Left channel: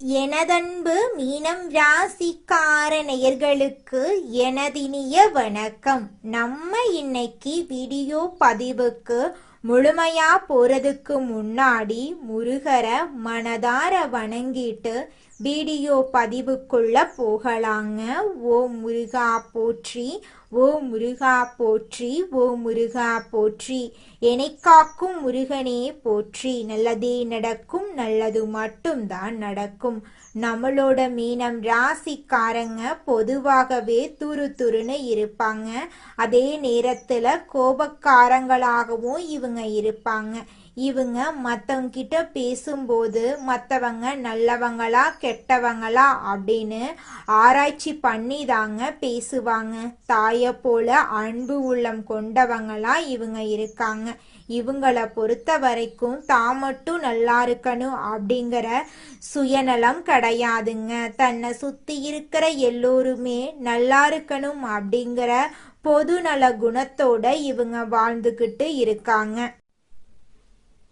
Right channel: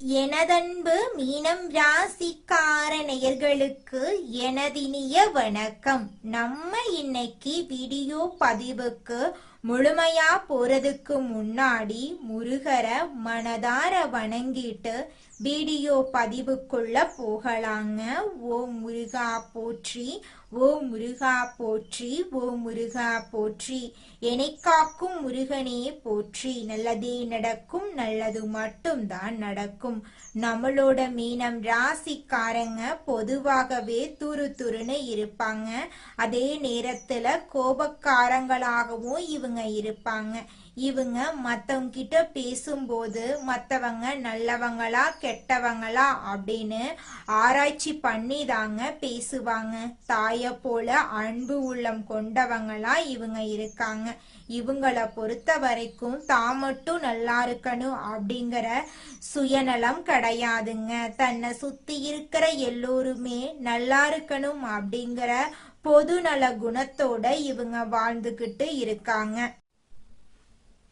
எனதன்பு மீனம் ராசிக்கார நேயர்களுக்கு எனதினிய வணக்கம். நம்ம இன்னைக்கு வீடியோ பதிவுக்கு முழுமையா போறதுக்கு முன்னாடி முருகரை மனதார வணங்கிட்டு வீடியோ பதிவுக்குள்ள போகலாங்க. ஓ முருகா போற்றி, ஓ முருகா போற்றி, ஓ முருகா போற்றி. என்னை காக்கும் முருகனே போற்றி. நல்லதே நடக்கும், நல்லது மட்டும்தான் நடக்கும். நம்மளோட மீனம் ராசிக்காரங்க பொதுவாகவே துருன்னு இருப்பாங்க. அதே நேரத்துல கோபக்காரங்களாகவும் இவங்க இருப்பாங்க. இவங்க மற்றவங்க கிட்ட பேசும்போது மற்றவங்க நல்லவங்களா கெட்டவங்களா அப்படின்னு ஆராய்ச்சி பண்ணி தாங்க பேசுவாங்க. தாயை போல அன்பு உள்ளம் கொண்டவங்களா இவங்க இருக்காங்க. இவங்கள பொறுத்த வரைக்கும் தான் மட்டும் நல்லா இருக்கணும் அப்படிங்கிற சுயநலம் கிடையாதுங்க. தன்னை சுத்தி இருக்கிற எல்லோருமே நல்லா இருக்கணும் அப்படிங்கிற பொதுநல குணத்தோட இவங்க வாழ்ந்துகிட்டு இருக்காங்க.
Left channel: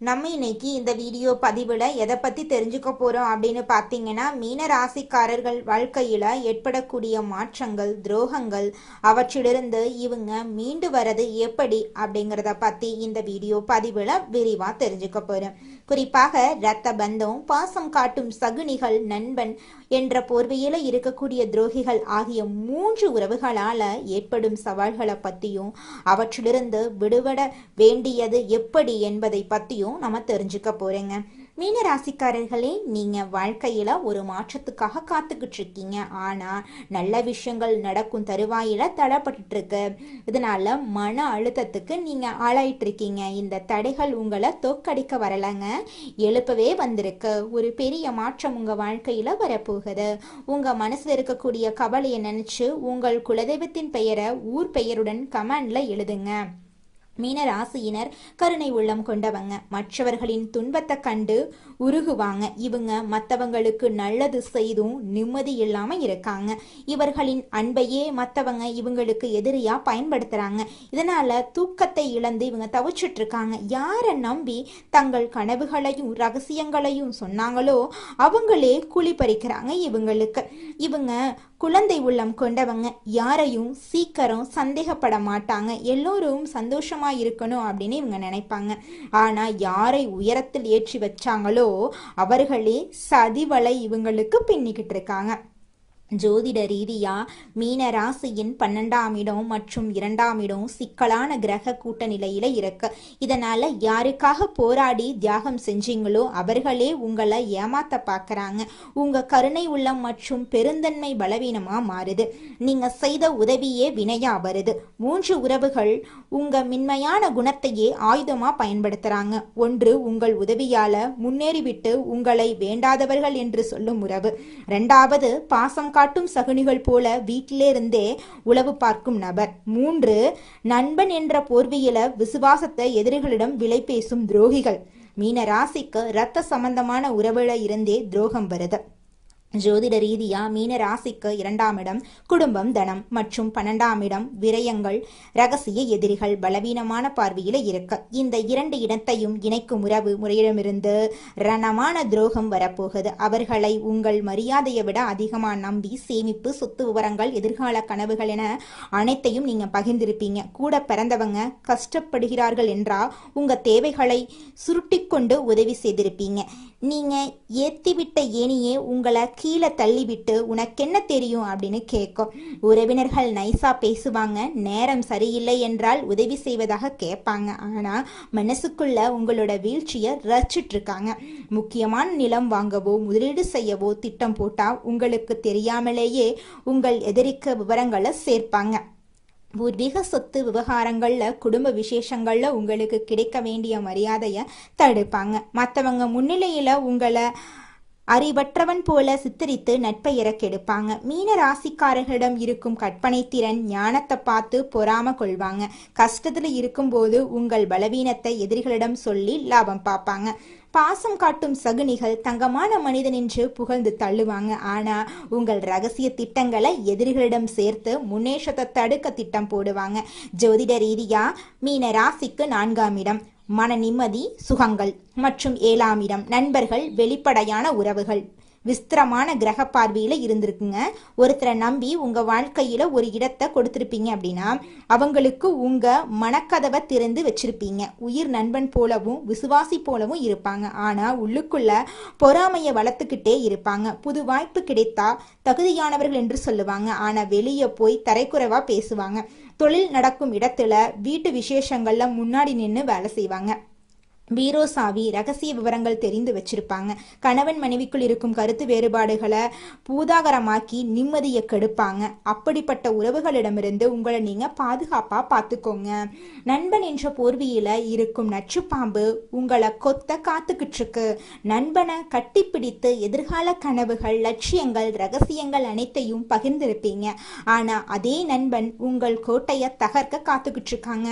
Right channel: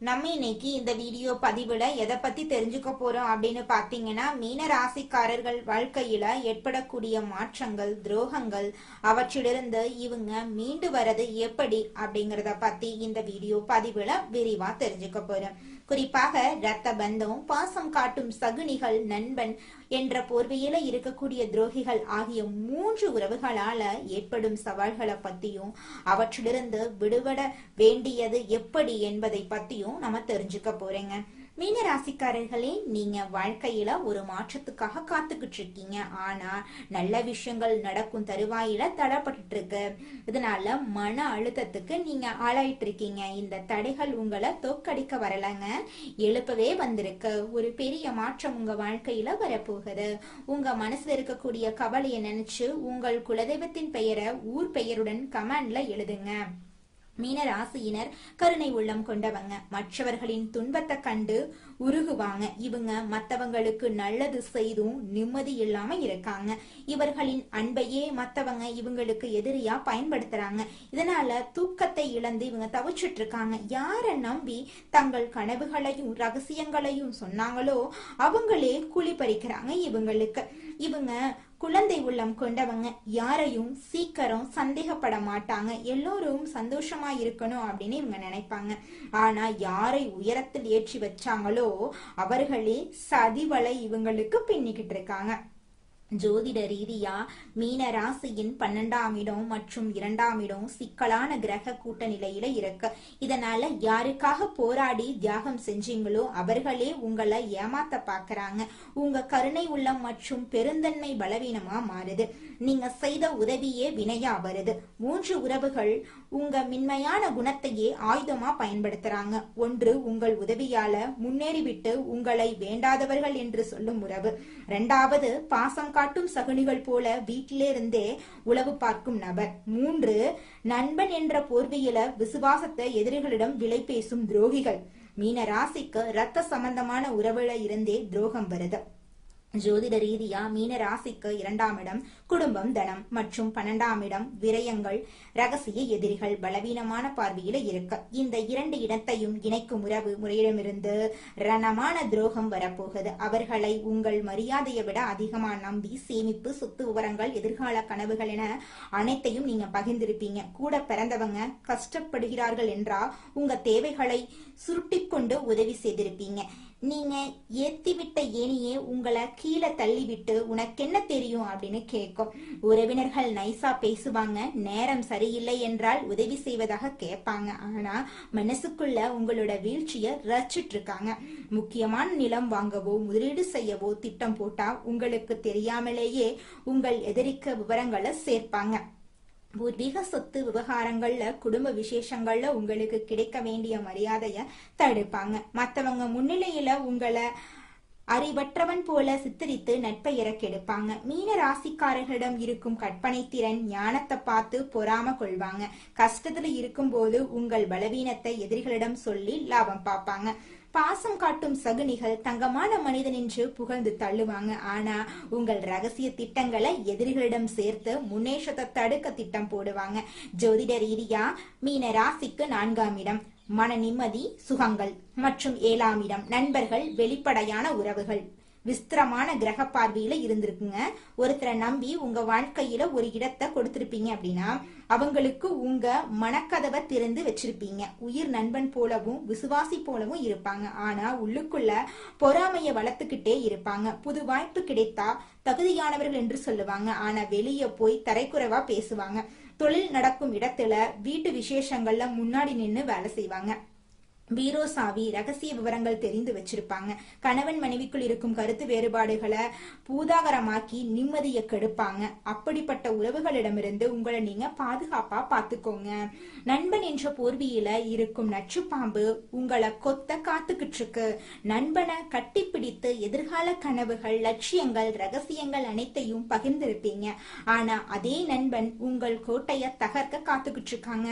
நம்ம இன்னைக்கு இந்த வீடியோ பதிவில் எதை பற்றி தெரிஞ்சுக்க போகிறோம் அப்படின்னு பார்த்தீங்கன்னா, மீன ராசிக்காரர்கள் வாழ்க்கையில் ஏற்படக்கூடிய மாற்றங்கள், துரோகங்கள், அவற்றிலிருந்து இவங்க மீண்டு வர்றது எப்படி அப்படிங்கிறத பற்றி இந்த வீடியோ பதிவில் விரிவாக தெரிஞ்சுக்க போகிறோம். குறிப்பாக இரத்த பந்தம், பாசம் காட்டும் சகுனிகள், நண்பன் என்ற போர்வையில இருக்கக்கூடிய துரோகிகள் ஆகிய 3 உறவுகளால ஏற்படும் சவால்களை பத்தியும் அவற்றிலிருந்து விடுபட வேண்டியது எப்படி என்பதை பத்தியும் நம்ம தெரிஞ்சுக்க போறேங்க. மீன ராசிக்காரர்களே, நீங்க வாழ்க்கையில ஒரு மாற்றத்துக்காக காத்துக்கிட்டு இருக்கீங்க. ஆனா நல்ல விஷயங்கள் நடக்கும் தருவாயில தடைப்பட்டு இருக்கு. இதனால மன அழுத்தத்துக்கு நீங்க ஆளாயிட்டு இருக்கீங்க. இந்த தடைகள் உங்களை தோக்கடிக்க வரலங்க, எழுப்பவே வந்திருக்கு. ஒரு பெரிய மாற்றம் உங்க வாழ்க்கையில வரப்போகுது. உங்க மனசுல இருக்கக்கூடிய கவலையை நினைச்சு உங்கள் குலதெய்வத்தின் பெயரை ஊர் பெயருடன் கமெண்ட்ல எழுதுங்க. மீன ராசியினர் கருணை உள்ளம் கொண்டவங்க. மற்றவர்களின் துன்பத்தை கண்டு உருகுவாங்க. இவங்க மற்றவங்களுக்கு நல்லது செய்தும் நிம்மதி இல்லாம இருக்காங்க. இவர்களின் அன்பையே மற்றவங்க இவங்களுக்கு எதிரியா பயன்படுத்துறாங்க. இதனால தூக்கத்தை இழந்து இவங்க தவிச்சிட்டு இருக்காங்க. யாரை நம்பி தங்கள் கனவுகளையும் ரகசியங்களையும் சொன்னாங்களோ அவங்களே குழி பறிக்கிறாங்க இவங்களுக்கு. இவங்க குழந்தை உள்ளம் கொண்டவங்க. யாரையும் சீக்கிரம் சந்தேகப்பட மாட்டாங்க. எல்லோரும் சந்தோஷமா இருக்கணும் அப்படின்னு இவங்க நினைப்பாங்க. ஆனா யாரை உயரத்தில் ஏற்றி வச்சாங்களோ அவர்களே சதிவலை இவங்களுக்கு பின்னிக்கிட்டு இருக்காங்க. ஜோதிட ரீதியா மீன ராசியின் 12ஆம் இடம் மற்றும் 2ஆம் இடம் சிக்கலான கிரக கூட்ட நிலையில இருக்கு. இதனால யாருக்காக போராடி தியாகம் செஞ்சீங்களோ அவர்களே உங்களை ஏமாத்த பாக்குறாங்க. உங்க கருணை உள்ளம் மற்றும் பெருந்தன்மை பலவீனமா மாறுது. நீங்க செய்த உதவியே வினையா வருது. 3 உறவுகள் உங்க மென்மையான குணத்தையே ஆயுதமா பயன்படுத்துறாங்க. ஒன்று, உங்கள் உதவியால முன்னேறிவிட்டு உங்களை வேண்டாதவர்கள் என்று சொல்லும் உறவு. 2வது, பாசம் காட்டும் சகுனிகள் போல வீட்டிலிருந்தே உளவு பார்க்கும் நபர். 3, நண்பன் என்ற போர்வையில விசுவாசத்தை எதிரிகளிடம் விலை பேசும் துரோகிகள். மீன ராசிக்கு இரத்த சம்பந்தமான உறவுல இருந்தே துரோகம் வருது. ஜோதிட ரீதியா மீன ராசிக்கு 2ஆம் இடம் குடும்பம், தனம் மற்றும் 12ஆம் இடம் விரயங்கள், ரகசிய எதிரிகள் பலவீனமான பார்வையில இருக்கு. இந்த 2 இடத்தையும் இணைக்கும் உறவு முறையிடமிருந்து ரணமான துரோகம் வரப்போகுது. அவர்களை உங்கள் மரியாதையை விட அதிகமா நம்பி சேமிப்பு, சொத்து விவரங்கள், எதிர்கால கனவுகள் என அனைத்தையும் நீங்க பகிர்ந்திருப்பீங்க. கூட பிறந்தவங்க கஷ்டப்படுகிறார்கள் என்றா உங்க தேவைகளை சுருட்டி கொண்டு உதவி செய்திருப்பீங்க. நீங்க ஏத்திவிட்ட ஏனியே உங்களை கீழே தள்ளிவிட்டு உனக்கென்ன தெரியும் அப்படின்னு கேட்கும். உறவினர்கள் நைசா பேசுவாங்க. நேரம் சரியில்லை என்றால் உதவி செய்வதாக கேட்பாங்க. ஆனா மனசுக்குள்ள உங்களோட வீழ்ச்சியை ரசிச்சிட்டு இருக்காங்க. முக்கியமான நிலம் வாங்கவோ முதலீடு செய்யவோ திட்டம் போட்டா உங்களுக்கு தெரியாமலேயே உங்கள் எதிரிக்கு விவரங்களை சேர்ப்பாங்க. பூர்வீக சொத்து விவகாரங்கள்ல, குடும்ப விசேஷங்கள்ல உங்களுக்கு கிடைக்க வேண்டிய மரியாதைய தடுப்பாங்க. மற்றவங்க முன்னிலையில உங்களை அறிவற்றவன் போல சித்தரித்து நட்பெயர கெடுப்பாங்க. மீன ராசிக்காரர்களிடம் இருக்கும் கற்பனை திறன், ஞானத்தை பார்த்து பொறாம கொள்வாங்க. கஷ்டத்துல இருக்கும்போது உங்கள் பலவீனத்தை எதிரிகளிடம் சொல்லி லாபம் பார்ப்பாங்க. பாசம் காட்டும் சகுனிகள் தங்கமான மனிதன் என்று புகழ்ந்து தள்ளுவாங்க. ஆனா உங்கள் ரகசிய திட்டங்களை எதிரிகளிடம் சேர்த்து முன்னேற்றத்தை தடுக்க திட்டம் போடுவாங்க. ஜோதிட ரீதியா மீன ராசிக்கு 4ஆம் இடம் மன நிம்மதி, சுகங்கள் மற்றும் 7ஆம் இடம் நண்பர்கள், வெளிப்படையான உறவுகள். விஸ்திரமான கிரக பார்வையில இருந்திருக்குங்க. ஒருத்தரை நம்பி உங்க வாழ்க்கையில ஒரு இடத்தை கொடுத்திருப்பீங்க அப்படின்னா அவங்களுக்கு உங்க மனக்கதவை திறந்து வச்சிருப்பீங்க. உயிர் நண்பன் போலவும் விசுவாசி போலவும் இருப்பாங்க. ஆனா உள்ளுக்குள்ள பொறாமைய வளர்த்துக்கிட்டே இருப்பாங்க. புது வாய்ப்பு கிடைத்தா தகுதியானவர்கள் என்று சொல்லுவாங்க. ஆனா வெளியே போய் தரைக்குறைவா பேசுவாங்க. தொழில் நடக்கும் இடத்துல வீட்டு விசேஷங்கள்ல முன்னாடி நின்று வேலை செய்வாங்க. பீரோ சாவி ரகசிய விவரங்கள் தெரிந்து வச்சிருப்பாங்க. கணவன் மனைவிக்குள் இருக்கும் கருத்து வேறுபாடுகளை பூதாகரமாக்கி நிம்மதியை கெடுப்பாங்க. அப்படிப்பட்ட உறவுகளிடமிருந்து உங்களை நீங்க பாதுகாப்பா பார்த்துக்கோங்க. நண்பன் என்ற போர்வியில இருக்கும் நச்சு பாம்பு உங்களை கொத்த காத்துக்கிட்டு இருக்கு. நண்பனை கட்டிப்பிடித்து எதிர்கால கனவுகள், லட்சியங்கள், ரகசியங்கள் அனைத்தையும் பகிர்ந்திருப்பீங்க. ஆனா அதே நண்பன் உங்கள் கோட்டையை தகர்க்க காத்துக்கிட்டு இருக்காங்க.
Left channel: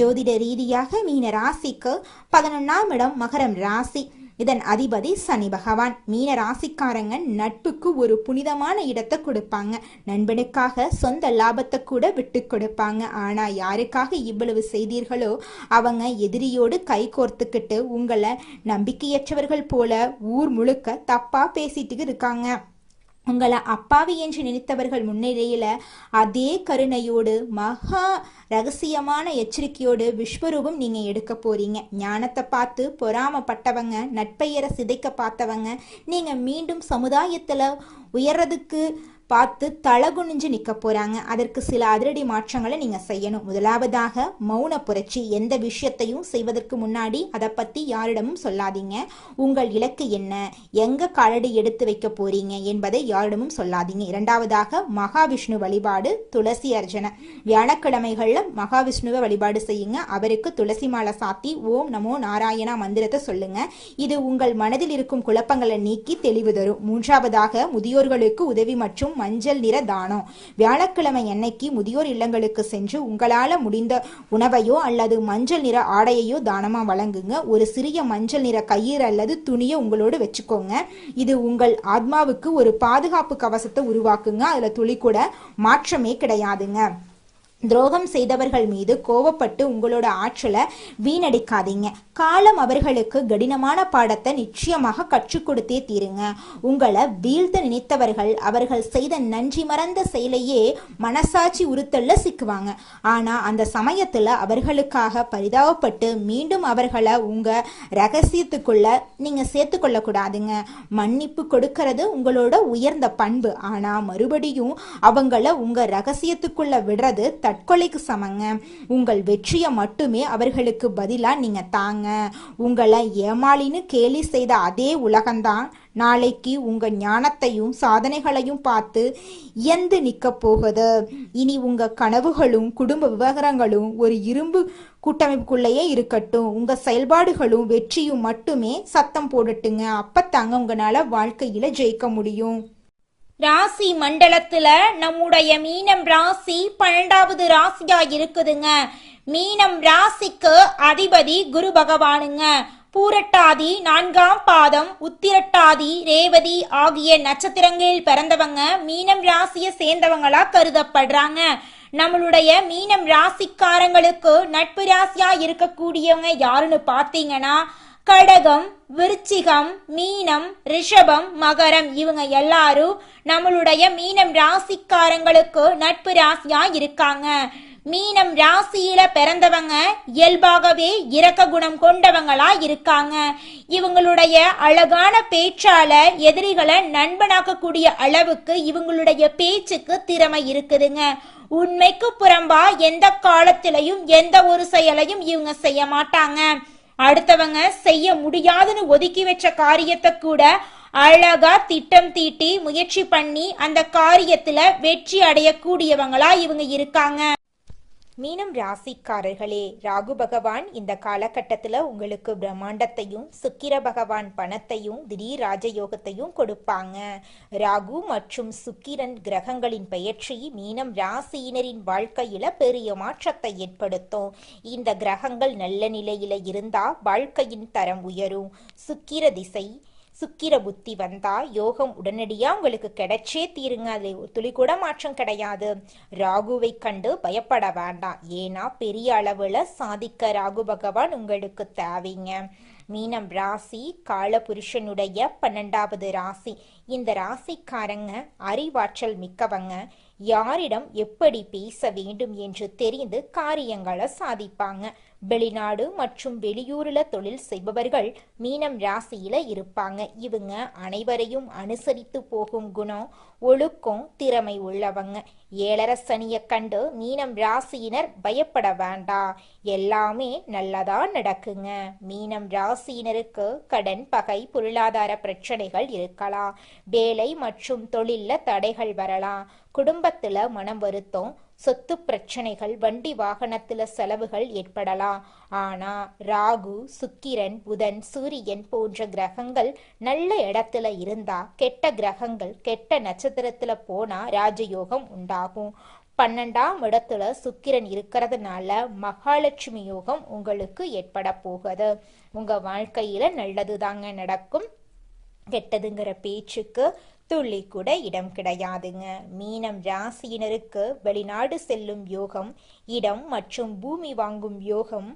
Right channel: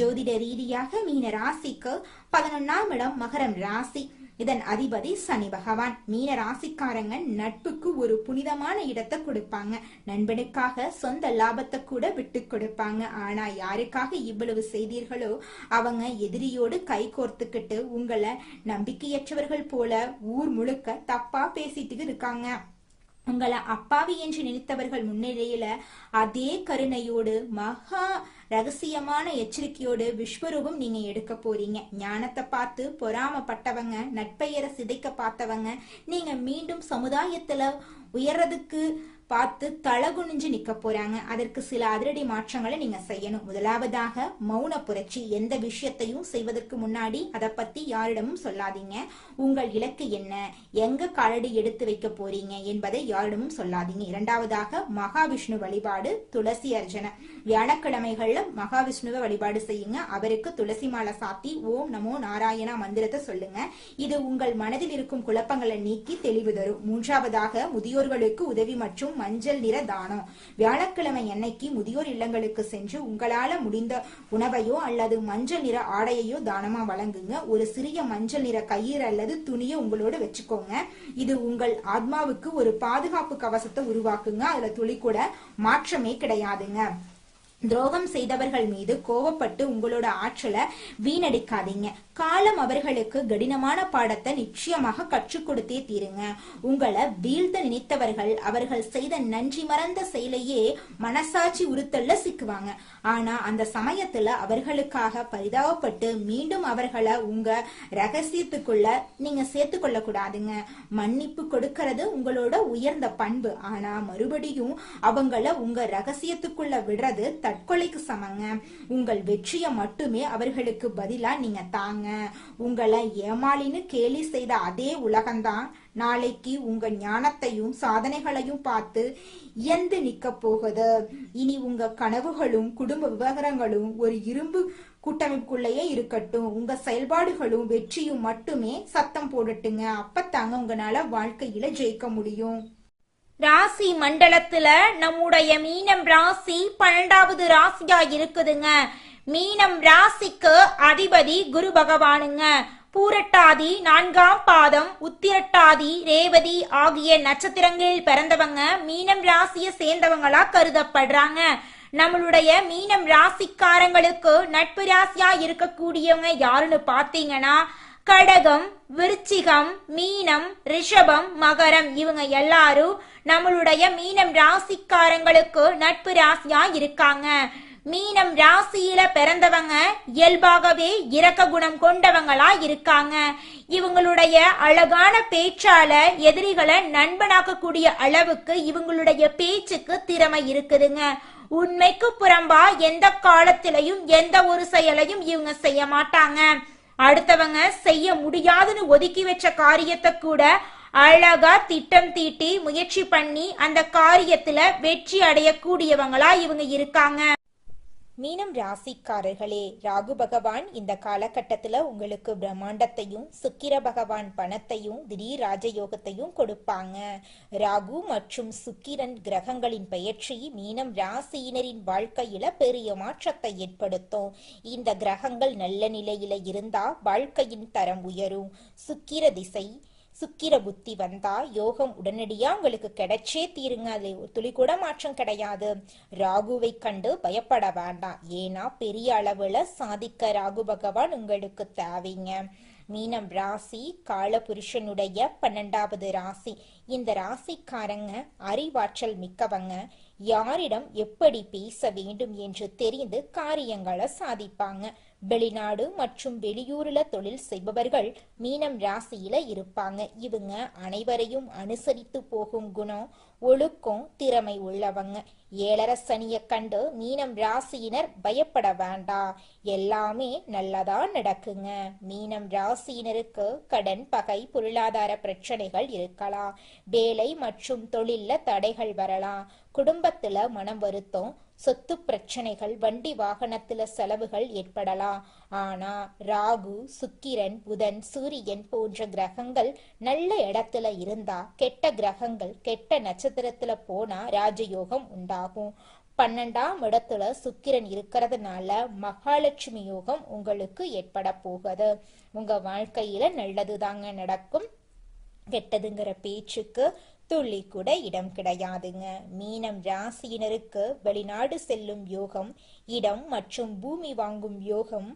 ஜோதிட ரீதியாக மீன ராசிக்கு 11ஆம் இடம் மகரம் ராசி. இதன் அதிபதி சனி பகவான். மீன ராசிக்காரங்க நட்புக்கு ஒரு புனிதமான இடத்தை கொடுப்பாங்க. நண்பனுக்காக சொந்த லாபத்தை கூட விட்டு கொடுப்பாங்க. ஆனா யாருக்காக இவ்வளவு செய்தீர்களோ அவங்க எதிரியோடு கை கோர்த்துக்கிட்டு உங்களை நம்பிக்கையற்றவர்கள் போல ஊர் முழுக்க தப்பா பேசிட்டு இருக்காங்க. உங்களை அப்பாவி என்று நினைத்தவர்கள் முன்னிலையில அதே கருணையோடு மகா ரகசியமான எச்சரிக்கையோடு விஸ்வரூபம் நீங்க எடுக்க போறீங்க. ஞானத்தை பார்த்து பொறாமப்பட்டவங்க, நட்பெயரை சிதைக்க பார்த்தவங்க நீங்க மீண்டும் சமுதாயத்துல உயர்றதுக்கு பார்த்து தலகுனிஞ்சு நிக்க போறாங்க. அதற்கு சில அதிரடி மாற்றங்களை நீங்க செய்யணும். முதலாவதாக மௌன புரட்சி. எந்த விஷயத்தையும் செய்வதற்கு முன்னாடி அதை பத்தி யாரிடமும் சொல்லாதீங்க. உங்கள் இலக்கு என்ன, எங்க காலடி எடுத்து வைக்க போறீங்க என்பதை யாரிடமும் சொல்லாதீங்க. இரண்டாவதாக மகாவிஷ்ணு வழிபாடு, துளசி அர்ச்சனை. வியாழக்கிழமைகள்ல மகாவிஷ்ணுவை வழிபாடு செய்யுங்க. அவருக்கு துளசி மாலை சாத்தி ஓம் நமோ நாராயணா மந்திரத்தை சொல்லுங்க. இது உங்கள் மனதில் இருக்கும் குழப்பங்களை நீக்கி தெளிவு தரும். மூன்றாவதாக முதியோர்களுக்கு உதவி மற்றும் மஞ்சள் நிற தானம். வியாழக்கிழமை அன்னைக்கு முதியோர் இல்லங்களுக்கு சென்று உங்களால முடிந்த உணவையோ அல்லது மஞ்சள் நிற ஆடையையோ தானமா வழங்குங்க. ஒரு சிறிய மஞ்சள் நிற கயிறு அல்லது துணியை உங்களோடு வச்சுக்கோங்க. இது உங்கள் ஆத்மாவுக்கு ஒரு பாதுகாப்பு கவசத்தை உருவாக்குங்க. அதுல துளி கூட மாற்றமே கிடையாதுங்க. துரோகம் செய்தவர்கள் மீது கோவப்பட்டு உங்களோட ஆற்றலை வீணடிக்காதீங்க. காலம் அவர்களுக்கு கடினமான பாடத்தை நிச்சயமாக கற்றுக் கொடுத்தே தீருங்க. உங்களை வீழ்த்த நினைத்தவர்கள் அவர்கள் செய்த நன்றி மறந்த செயலையே மனசாட்சி உறுத்தல்ல சிக்குவாங்க. ஆனா அந்த சமயத்துல அவர்களுக்காக பரிதாபப்பட்டு மீண்டும் அவர்களை உங்க ரகசியத்துக்குள்ள நீங்க சேர்த்து கொள்ள கூடாதுங்க. மன்னிப்பு கொடுக்கறது உங்களோட உயர்ந்த பண்பு. ஆனா மறுபடியும் அவங்கள உங்க ரகசியத்துக்குள்ள விடுறது தற்கொலைக்கு சமங்க. உங்கள் வெற்றியை மட்டுமே அவர்களுக்கு பதிலா நீங்க தாங்க. உங்களை ஏமாளின்னு கேலி செய்த அதே உலகம்தான் நாளைக்கு உங்க ஞானத்தையும் சாதனைகளையும் பார்த்து எந்து நிக்க போகுது. இனி உங்க கனவுகளும் குடும்ப விவகாரங்களும் ஒரு இரும்பு கூட்டமைப்புக்குள்ளேயே இருக்கட்டும். உங்க செயல்பாடுகளும் வெற்றியும் மட்டுமே சத்தம் போடட்டுங்க. அப்பத்தாங்க உங்களால வாழ்க்கையில ஜெயிக்க முடியும். ராசி மண்டலத்துல நம்முடைய மீனம் ராசி 12வது ராசியா இருக்குதுங்க. மீனம் ராசிக்கு அதிபதி குரு பகவானுங்க. பூரட்டாதி 4ஆம் பாதம், உத்திரட்டாதி, ரேவதி ஆகிய நட்சத்திரங்களில் பிறந்தவங்க மீனம் ராசியை சேர்ந்தவங்களா கருதப்படுறாங்க. நம்மளுடைய மீனம் ராசிக்காரங்களுக்கு நட்பு ராசியா இருக்கக்கூடியவங்க யாருன்னு பார்த்தீங்கன்னா கடகம், விருச்சிகம், மீனம், ரிஷபம், மகரம். இவங்க எல்லாரும் நம்மளுடைய மீனம் ராசிக்காரங்களுக்கு நட்பு ராசியா இருக்காங்க. மீனம் ராசியில பிறந்தவங்க இயல்பாகவே இரக்க குணம் கொண்டவங்களா இருக்காங்க. இவங்களுடைய அழகான பேச்சால எதிரிகளை நண்பனாக்கக்கூடிய அளவுக்கு இவங்களுடைய பேச்சுக்கு திறமை இருக்குதுங்க. உண்மைக்கு புறம்பா எந்த காலத்திலையும் எந்த ஒரு செயலையும் இவங்க செய்ய மாட்டாங்க. அடுத்தவங்க செய்ய முடியாதுன்னு ஒதுக்கி வச்ச காரியத்தை கூட அழகா திட்டம் தீட்டி முயற்சி பண்ணி அந்த காரியத்துல வெற்றி அடையக்கூடியவங்களா இவங்க இருக்காங்க. மீனம் ராசிக்காரர்களே, ராகு பகவான் இந்த காலகட்டத்துல உங்களுக்கு பிரம்மாண்டத்தையும், சுக்கிர பகவான் பணத்தையும், திடீர் ராஜயோகத்தையும் கொடுப்பாங்க. ராகு மற்றும் சுக்கிரன் கிரகங்களின் பெயர்ச்சி மீனம் ராசியினரின் வாழ்க்கையில பெரிய மாற்றத்தை ஏற்படுத்தும். இந்த கிரகங்கள் நல்ல நிலையில இருந்தா வாழ்க்கையின் தரம் உயரும். சுக்கிர திசை, சுக்கிர புத்தி வந்தா யோகம் உடனடியா உங்களுக்கு கிடைச்சே தீருங்க. அது துளி கூட மாற்றம் கிடையாது. ராகுவை கண்டு பயப்பட வேண்டாம். ஏன்னா பெரிய அளவுல சாதிக்க ராகு பகவான் உங்களுக்கு தேவைங்க. மீனம் ராசி காலபுருஷனுடைய 12வது ராசி. இந்த ராசிக்காரங்க அறிவாற்றல் மிக்கவங்க. யாரிடம் எப்படி பேச வேண்டும் என்று தெரிந்து காரியங்களை சாதிப்பாங்க. வெளிநாடு மற்றும் வெளியூர்ல தொழில் செய்பவர்கள் மீனம் ராசியில இருப்பாங்க. இவங்க அனைவரையும் அனுசரித்து போகும் குணம், ஒழுக்கம், திறமை உள்ளவங்க. ஏழரை சனியை கண்டு மீனம் ராசியினர் பயப்பட வேண்டாம், எல்லாமே நல்லதா நடக்குங்க. மீனம் ராசியினருக்கு கடன், பகை, பொருளாதார பிரச்சனைகள் இருக்கலாம். வேலை மற்றும் தொழில்ல தடைகள் வரலாம். குடும்பத்துல மனம் வருத்தம், சொத்து பிரச்சனைகள், வண்டி வாகனத்துல செலவுகள் ஏற்படலாம். ஆனா ராகு, சுக்கிரன், புதன், சூரியன் போன்ற கிரகங்கள் நல்ல இடத்துல இருந்தா, கெட்ட கிரகங்கள் கெட்ட நட்சத்திரத்துல போனா ராஜயோகம் உண்டாகும். 12ஆம் இடத்துல சுக்கிரன் இருக்கிறதுனால மகாலட்சுமி யோகம் உங்களுக்கு ஏற்பட போகுது. உங்க வாழ்க்கையில நல்லது தாங்க நடக்கும். கெட்டதுங்கிற பேச்சுக்கு துள்ளி கூட இடம் கிடையாதுங்க. மீனம் ராசியினருக்கு வெளிநாடு செல்லும் யோகம், இடம் மற்றும் பூமி வாங்கும் யோகம்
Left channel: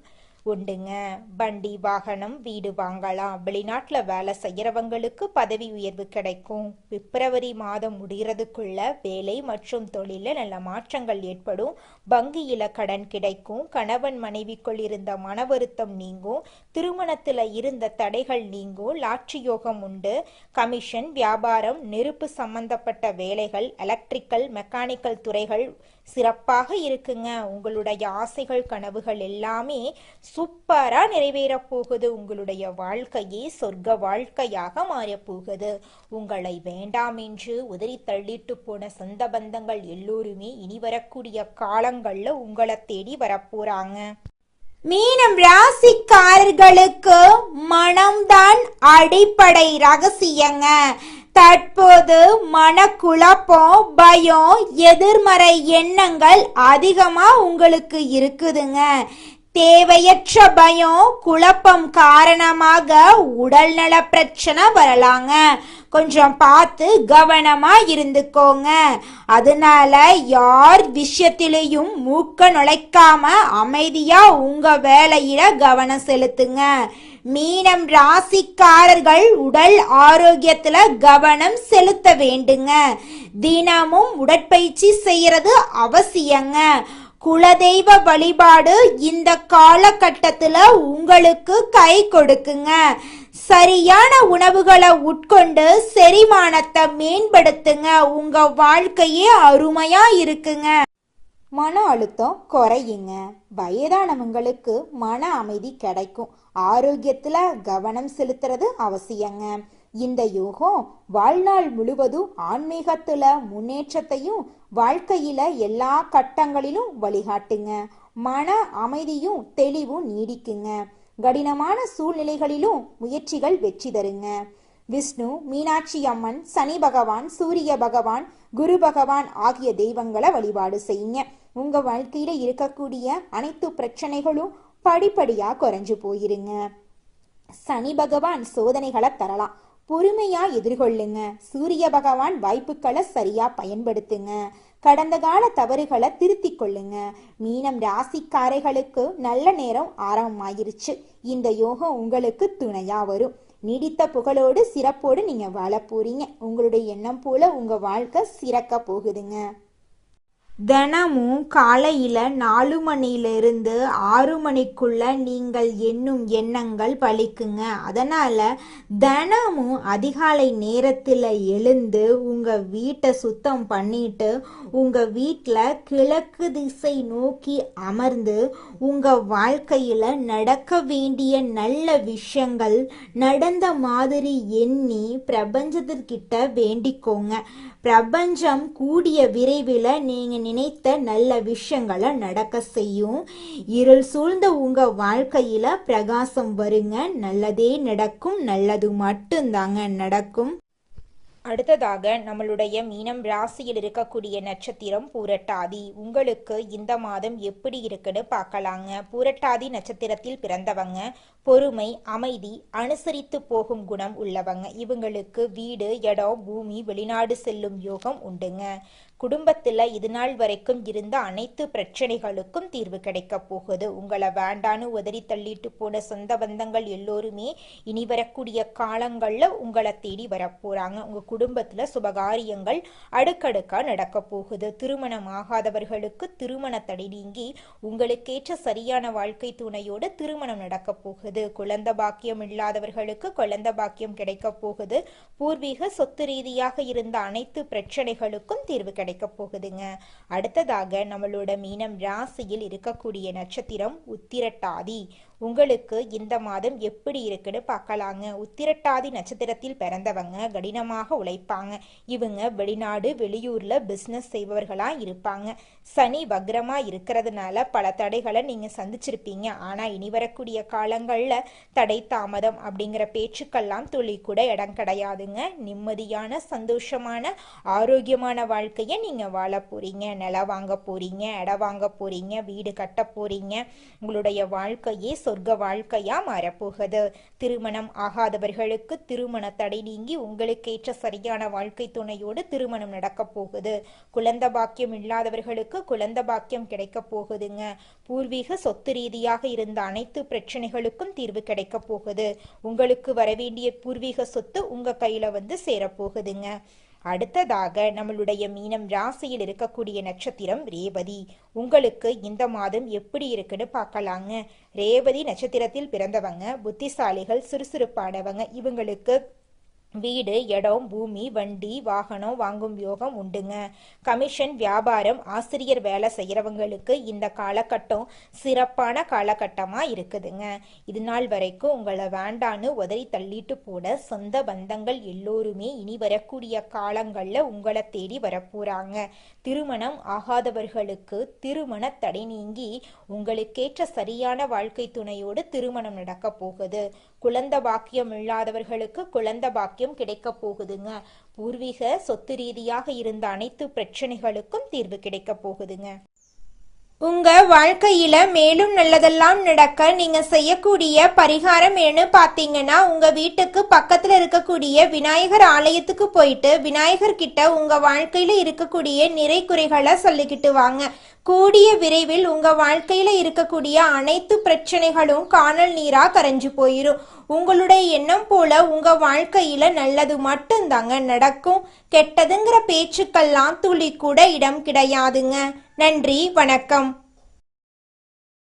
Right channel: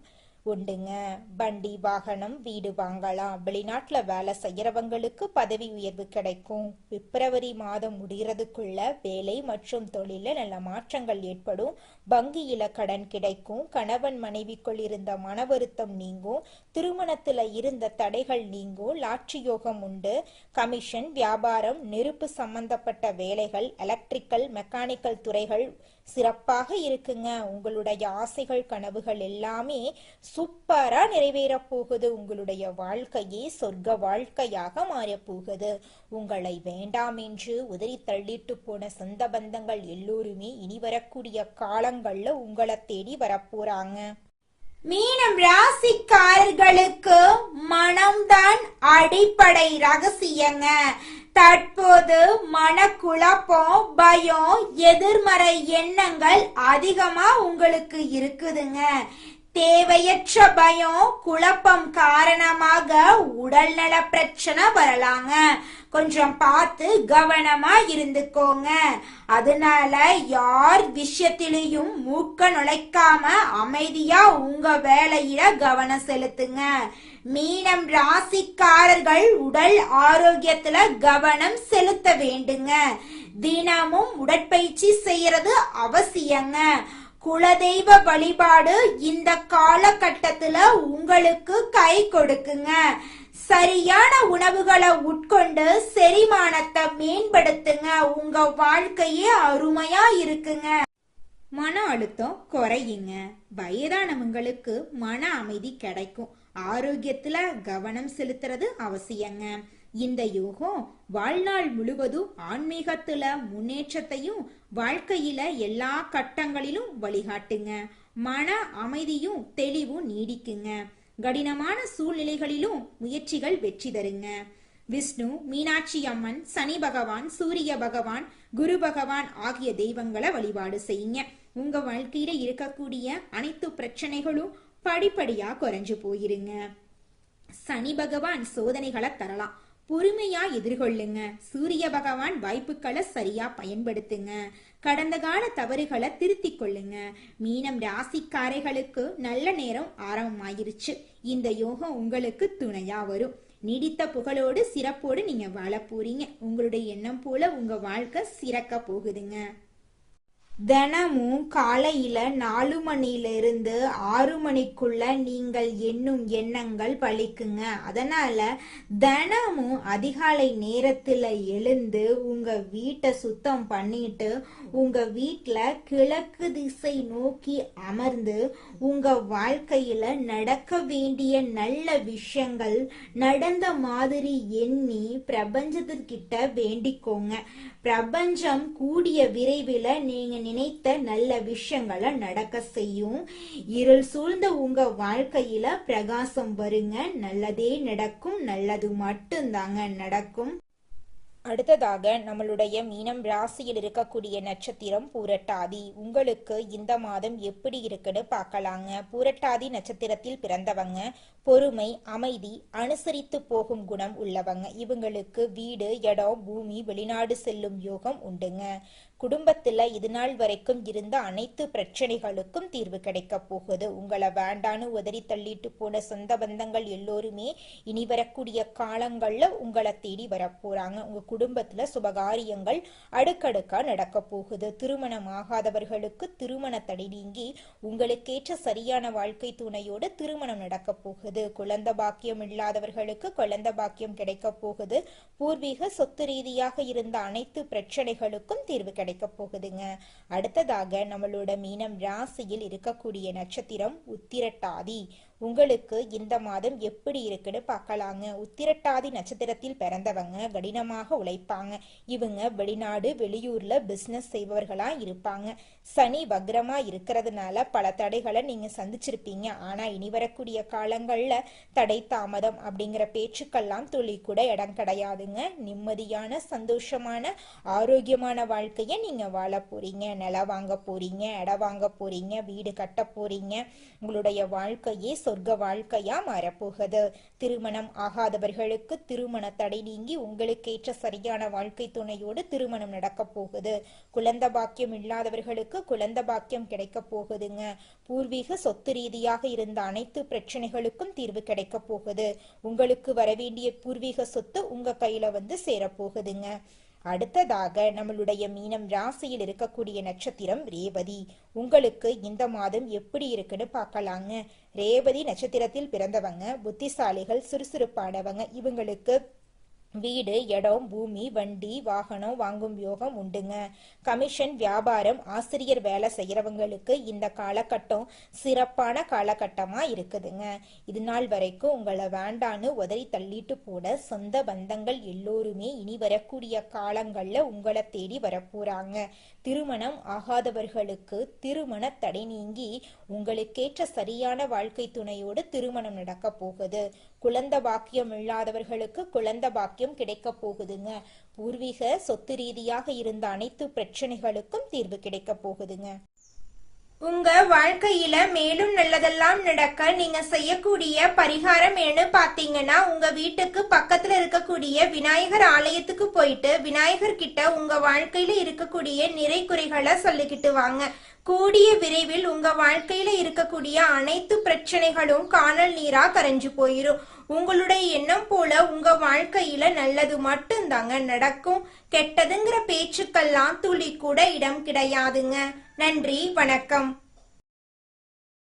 உண்டுங்க. வண்டி, வாகனம், வீடு வாங்கலாம். வெளிநாட்டுல வேலை செய்யறவங்களுக்கு பதவி உயர்வு கிடைக்கும். பிப்ரவரி மாதம் முடிகிறதுக்குள்ள வேலை மற்றும் தொழில நல்ல மாற்றங்கள் ஏற்படும். வங்கியில கடன் கிடைக்கும். கணவன் மனைவிக்குள் இருந்த மன வருத்தம் நீங்கும். திருமணத்துல இருந்த தடைகள் நீங்கும். லாட்ரி யோகம் உண்டு. கமிஷன், வியாபாரம், நெருப்பு சம்பந்தப்பட்ட வேலைகள், எலக்ட்ரிக்கல், மெக்கானிக்கல் துறைகள் சிறப்பாக இருக்குங்க. உங்களுடைய ஆசைகள், கனவுகள் எல்லாமே சூப்பரா நிறைவேற போகுது. உங்களுடைய வாழ்க்கையே சொர்க்க வாழ்க்கையாக மாறப் போகுது. உங்களை வேண்டாம் என்று உதறி தள்ளிட்டு போன சொந்த பந்தங்கள் எல்லோருமே இனி வரக்கூடிய காலங்கள்ல உங்களை தேடி வரப்போறாங்க. மீனம் ராசிக்காரர்களுக்கு மனம்தான் அடிப்படை ரகசியங்க. தற்போது மனக்குழப்பம், பயம், எதிர்மறை எண்ணங்கள் அதிகமா உங்களுக்கு இருக்குதுங்க. தேவையற்ற பயம், குழப்பம் காரணமாக உடல்நல பிரச்சனை வரலாங்க. கொஞ்சம் பார்த்து கவனமா இருந்துக்கோங்க. அதனால யார் விஷயத்திலையும் மூக்க நுழைக்காம அமைதியா உங்க வேலையில கவனம் செலுத்துங்க. மீனம் ராசிக்காரர்கள் உடல் ஆரோக்கியத்துல கவனம் செலுத்த வேண்டுங்க. தினமும் உடற்பயிற்சி செய்யறது அவசியங்க. குலதெய்வ வழிபாடு இந்த காலகட்டத்துல உங்களுக்கு கை கொடுக்குங்க. சரியான உணவுகளை உட்கொண்டு செரிமானத்தை மேம்படுத்துங்க. உங்க வாழ்க்கையே அருமையா இருக்குங்க. மன அழுத்தம் குறையுங்க. வயதானவங்களுக்கு மன அமைதி கிடைக்கும். ஆரோக்கியத்துல கவனம் செலுத்துறது அவசியங்க. இந்த யோகம் வாழ்நாள் முழுவதும் ஆன்மீகத்துல முன்னேற்றத்தையும் வாழ்க்கையில எல்லா கட்டங்களிலும் வழிகாட்டுங்க. மன அமைதியும் தெளிவும் நீடிக்குங்க. கடினமான சூழ்நிலைகளிலும் முயற்சிகள் வெற்றி தருங்க. விஷ்ணு, மீனாட்சி அம்மன், சனி பகவான், சூரிய பகவான், குரு பகவான் ஆகிய தெய்வங்களை வழிபாடு செய்யுங்க. உங்க வாழ்க்கையில இருக்கக்கூடிய அனைத்து பிரச்சனைகளும் படிப்படியா குறைஞ்சு போயிருங்க. சனி பகவான் சோதனைகளை தரலாம், பொறுமையா எதிர்கொள்ளுங்க. சூரிய பகவான் வாய்ப்புகளை சரியா பயன்படுத்துங்க. கடந்த கால தவறுகளை திருத்திக் கொள்ளுங்க. மீனம் ராசிக்காரைகளுக்கு நல்ல நேரம் ஆரம்பமாயிருச்சு. இந்த யோகம் உங்களுக்கு துணையா வரும். நீடித்த புகழோடு சிறப்போடு நீங்க வாழ போறீங்க. உங்களுடைய எண்ணம் போல உங்க வாழ்க்கை சிறக்க போகுதுங்க. தினமும் காலையில 4 மணியிலிருந்து 6 மணிக்குள்ள நீங்கள் எண்ணும் எண்ணங்கள் பலிக்குங்க. அதனால தினமும் அதிகாலை நேரத்துல எழுந்து உங்க வீட்டை சுத்தம் பண்ணிட்டு உங்க வீட்டுல கிழக்கு திசை நோக்கி அமர்ந்து உங்க வாழ்க்கையில நடக்க வேண்டிய நல்ல விஷயங்கள் நடந்த மாதிரி எண்ணி பிரபஞ்சத்திற்கிட்ட வேண்டிக்கோங்க. பிரபஞ்சம் கூடிய விரைவில் நீங்க நினைத்த நல்ல விஷயங்களை நடக்க செய்யும். இருள் சூழ்ந்த உங்க வாழ்க்கையில பிரகாசம் வருங்க. நல்லதே நடக்கும். நல்லது மட்டும்தாங்க நடக்கும். அடுத்ததாக நம்மளுடைய மீனம் ராசியில் இருக்கக்கூடிய நட்சத்திரம் பூரட்டாதி. உங்களுக்கு இந்த மாதம் எப்படி இருக்குன்னு பார்க்கலாங்க. பூரட்டாதி நட்சத்திரத்தில் பிறந்தவங்க பொறுமை, அமைதி, அனுசரித்து போகும் குணம் உள்ளவங்க. இவங்களுக்கு வீடு, இடம், பூமி, வெளிநாடு செல்லும் யோகம் உண்டுங்க. குடும்பத்துல இது நாள் வரைக்கும் இருந்த அனைத்து பிரச்சனைகளுக்கும் தீர்வு கிடைக்க போகுது. உங்களை வேண்டான்னு உதறி தள்ளிட்டு போன சொந்த பந்தங்கள் எல்லோருமே இனி வரக்கூடிய காலங்கள்ல உங்களை தேடி வரப்போறாங்க. உங்க குடும்பத்துல சுபகாரியங்கள் அடுக்கடுக்கா நடக்க போகுது. திருமணம் ஆகாதவர்களுக்கு திருமண தடை நீங்கி உங்களுக்கேற்ற சரியான வாழ்க்கை துணையோடு திருமணம் நடக்க போகுது. குழந்தை பாக்கியம் இல்லாதவர்களுக்கு குழந்தை பாக்கியம் கிடைக்க போகுது. பூர்வீக சொத்து ரீதியாக இருந்த அனைத்து பிரச்சனைகளுக்கும் தீர்வு கிடைக்க போகுதுங்க. அடுத்ததாக நம்மளோட மீனம் ராசியில் இருக்கக்கூடிய நட்சத்திரம் உத்திரட்டாதி. உங்களுக்கு இந்த மாதம் எப்படி இருக்குன்னு பார்க்கலாங்க. உத்திரட்டாதி நட்சத்திரத்தில் பிறந்தவங்க கடினமாக உழைப்பாங்க. இவங்க வெளிநாடு வெளியூர்ல பிசினஸ் செய்பவர்களா இருப்பாங்க. சனி வக்ரமா இருக்கிறதுனால பல தடைகளை நீங்க சந்திச்சிருப்பீங்க. ஆனா இனி வரக்கூடிய காலங்கள்ல தடை தாமதம் அப்படிங்கிற பேச்சுக்கெல்லாம் துளி கூட இடம் கிடையாதுங்க. நிம்மதியான சந்தோஷமான ஆரோக்கியமான வாழ்க்கையை நீங்க வாழ போறீங்க. நிலம் வாங்க போறீங்க, இடம் வாங்க போறீங்க, வீடு கட்ட போறீங்க. உங்களுடைய வாழ்க்கையே சொர்க்க வாழ்க்கையா மாறப்போகுது. திருமணம் ஆகாதவர்களுக்கு திருமண தடை நீங்கி உங்களுக்கேற்ற சரியான வாழ்க்கை துணையோடு திருமணம் நடக்க போகுது. குழந்தை பாக்கியம் இல்லாதவர்களுக்கு குழந்தை பாக்கியம் கிடைக்க போகுதுங்க. பூர்வீக சொத்து ரீதியாக இருந்த அனைத்து பிரச்சனைகளுக்கும் தீர்வு கிடைக்க போகுது. உங்களுக்கு வரவேண்டிய பூர்வீக சொத்து உங்க கையில வந்து சேரப்போகுதுங்க. அடுத்ததாக நம்மளுடைய மீனம் ராசியில் இருக்கக்கூடிய நட்சத்திரம் ரேவதி. உங்களுக்கு இந்த மாதம் எப்படி இருக்குன்னு பார்க்கலாங்க. ரேவதி நட்சத்திரத்தில் பிறந்தவங்க புத்திசாலிகள், சுறுசுறுப்பானவங்க. இவங்களுக்கு வீடு, இடம், பூமி, வண்டி, வாகனம் வாங்கும் யோகம் உண்டுங்க. கமிஷன், வியாபாரம், ஆசிரியர் வேலை செய்யறவங்களுக்கு இந்த காலகட்டம் சிறப்பான காலகட்டமா இருக்குதுங்க. இது நாள் வரைக்கும் உங்களை வேண்டான்னு உதறி தள்ளிட்டு போன சொந்த பந்தங்கள் எல்லோருமே இனி வரக்கூடிய காலங்கள்ல உங்களை தேடி வரப்போறாங்க. திருமணம் ஆகாதவர்களுக்கு திருமண தடை நீங்கி உங்களுக்கேற்ற சரியான வாழ்க்கை துணையோடு திருமணம் நடக்க போகுது. குழந்தை பாக்கியம் இல்லாதவர்களுக்கு குழந்தை பாக்கியம் கிடைக்க போகுதுங்க. பூர்வீக சொத்து ரீதியாக இருந்த அனைத்து பிரச்சனைகளுக்கும் தீர்வு கிடைக்க போகுதுங்க. உங்க வாழ்க்கையில மேலும் நல்லதெல்லாம் நடக்க நீங்க செய்யக்கூடிய பரிகாரம் என்ன பாத்தீங்கன்னா, உங்க வீட்டுக்கு பக்கத்துல இருக்கக்கூடிய விநாயகர் ஆலயத்துக்கு போயிட்டு விநாயகர் கிட்ட உங்க வாழ்க்கையில இருக்கக்கூடிய நிறை குறைகளை சொல்லிக்கிட்டு வாங்க. கூடிய விரைவில் உங்க வாழ்க்கையில இருக்கக்கூடிய அனைத்து பிரச்சனைகளும் காணல் நீரா கரைஞ்சு போயிரும். உங்களுடைய எண்ணம் போல உங்க வாழ்க்கையில நல்லது மட்டும்தாங்க நடக்கும். கெட்டதுங்கிற பேச்சுக்கெல்லாம் துளி கூட இடம் கிடையாதுங்க. நன்றி, வணக்கம்.